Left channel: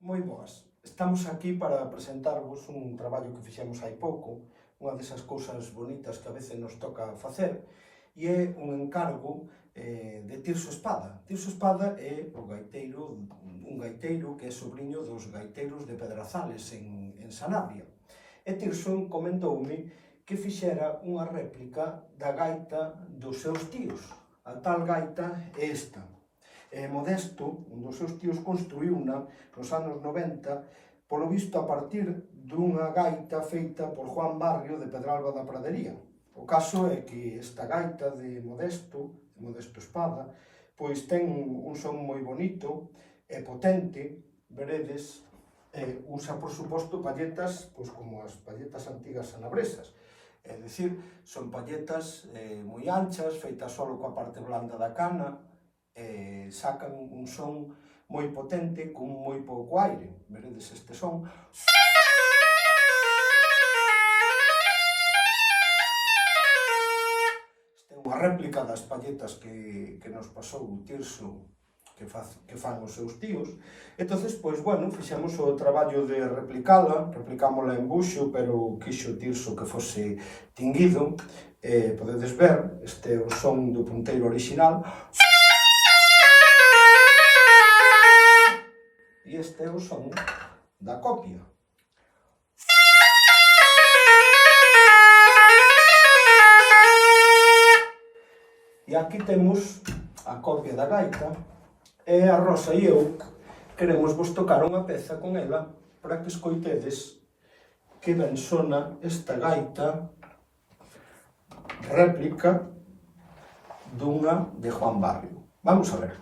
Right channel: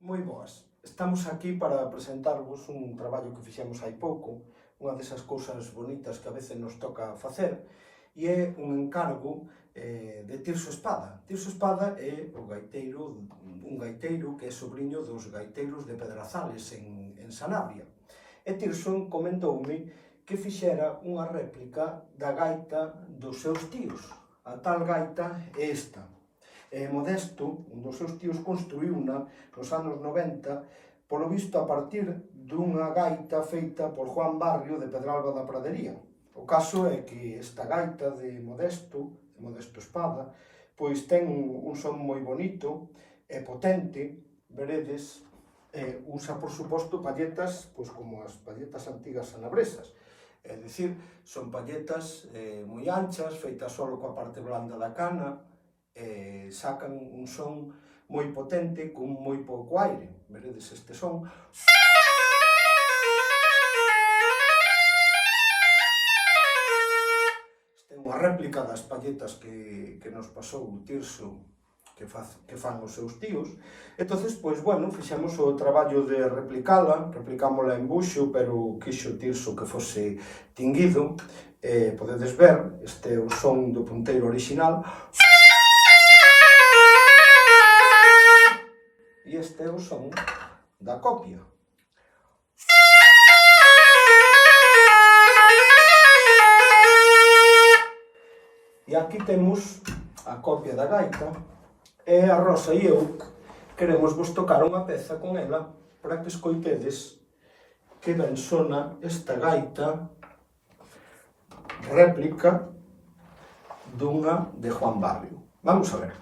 Moi boas. Estamos aquí para presentarvos un traballo que fixemos hai pouco, unha desas cousas bonitas que a veces nos toca facer, e é un encargo de Tirso Espada. Tirso Espada é un gaiteiro que é sobriño dos gaiteiros de Pedrazales en Sanabria. E Tirso comentoume que fixera unha réplica da gaita dos seus tíos. A tal gaita é esta. Modesto, un dos seus tíos, construíuna nos anos 90, polo visto a partir dunha gaita feita por Juan Barrio de Pedralba da Pradería. O caso é que esta gaita de Modesto Espada, pois ten un son moi bonito e potente, veredes, usa, por suposto, palletas pois como as palletas antigas sanabresas. É dicir, son palletas moi anchas, feitas só coa parte blanda da cana, sacan un son moi potente con moi pouco aire. Veredes este son. Esta é unha réplica das palletas que nos pasou o Tirso que fan os seus tíos. Entonces, pois, bueno, fixemos o traballo de replicámola en buxo, pero quixo Tirso que fose tinguido. Podedes ver, este é o son do punteiro original. E este é o son da copia. E aquí temos a copia da gaita, e a Rosa e eu queremos vos tocar unha peza con ela para que escoitedes que ben sona esta gaita réplica dunha de Juan Barrio. Vamos a ver.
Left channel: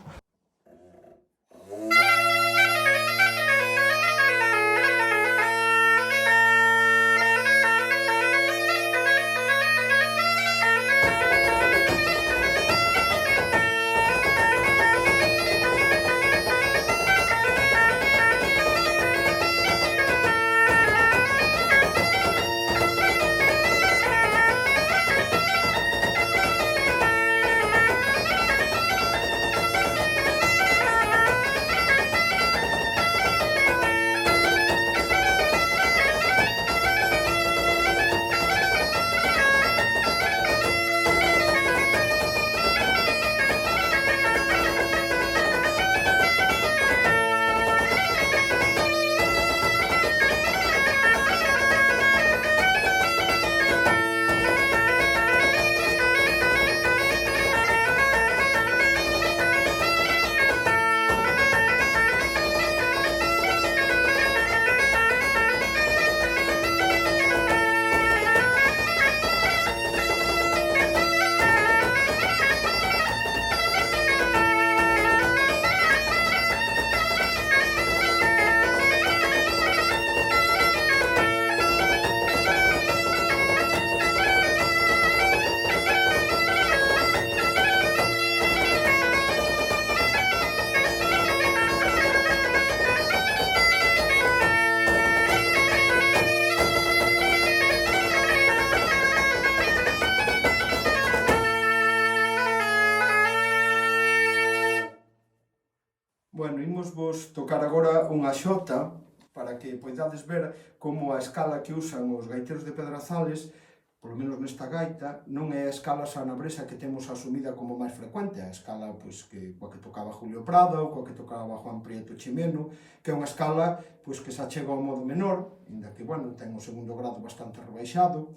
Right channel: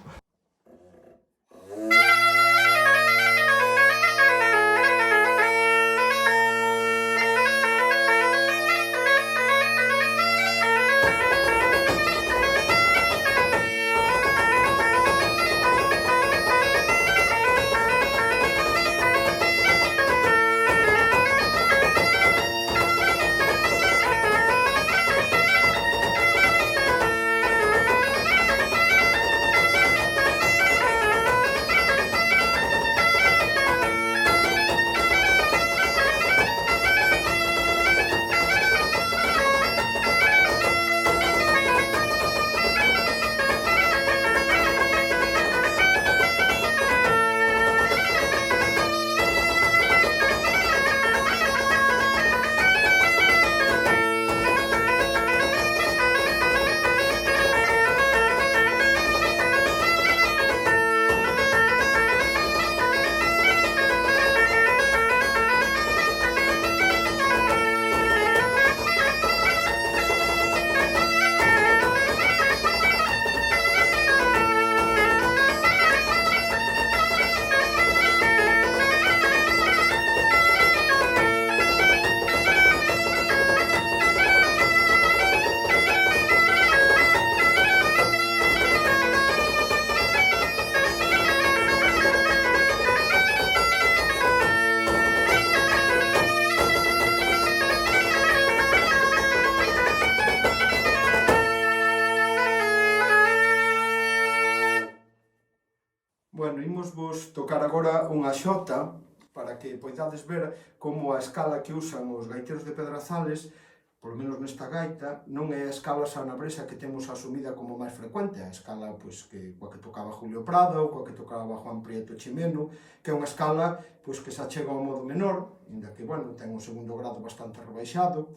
Bueno, imos vos tocar agora unha xota para que poidades ver como a escala que usan os gaiteiros de Pedrazales, polo menos nesta gaita, non é a escala sanabresa que temos asumida como máis frecuente, a escala pois, coa que tocaba Julio Prado ou coa que tocaba Juan Prieto Chimeno, que é unha escala pois, que se achega ao modo menor, inda que, bueno, ten o segundo grado bastante rebaixado.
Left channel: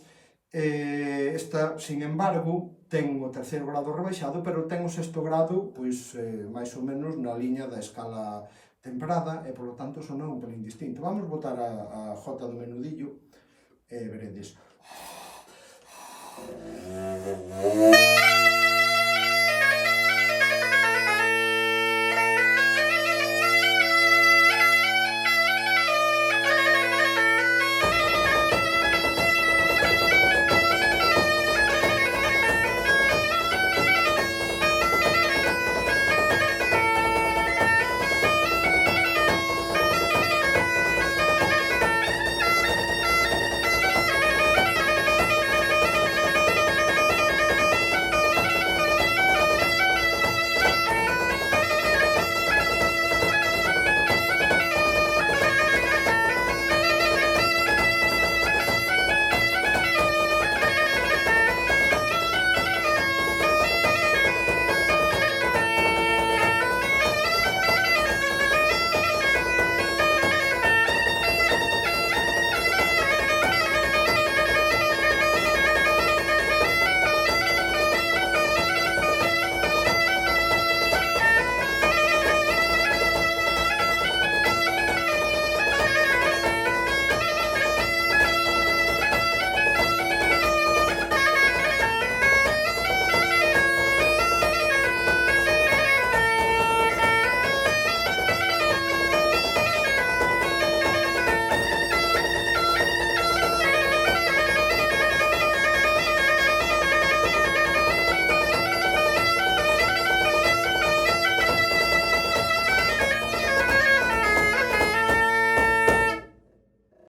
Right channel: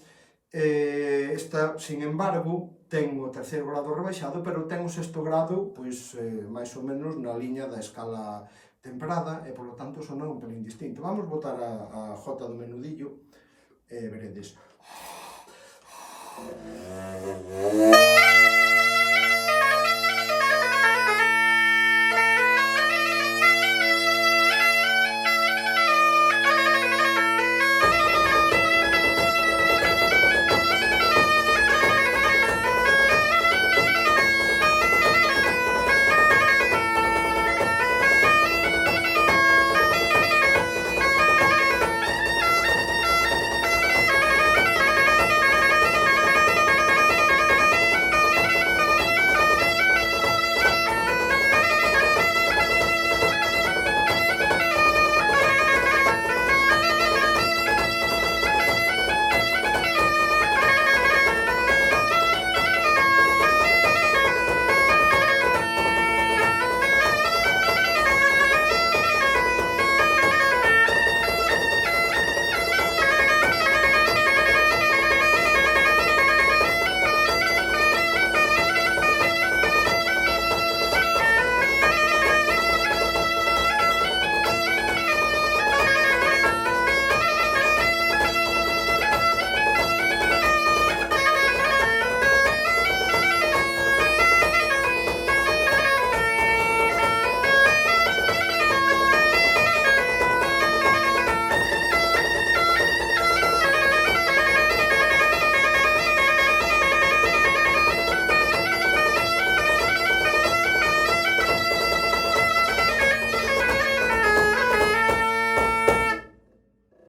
Esta, sin embargo, ten o terceiro grado rebaixado, pero ten o sexto grado, pois, máis ou menos na liña da escala temperada, e, polo tanto, sona un pelín distinto. Vamos botar a jota do menudillo, e veredes.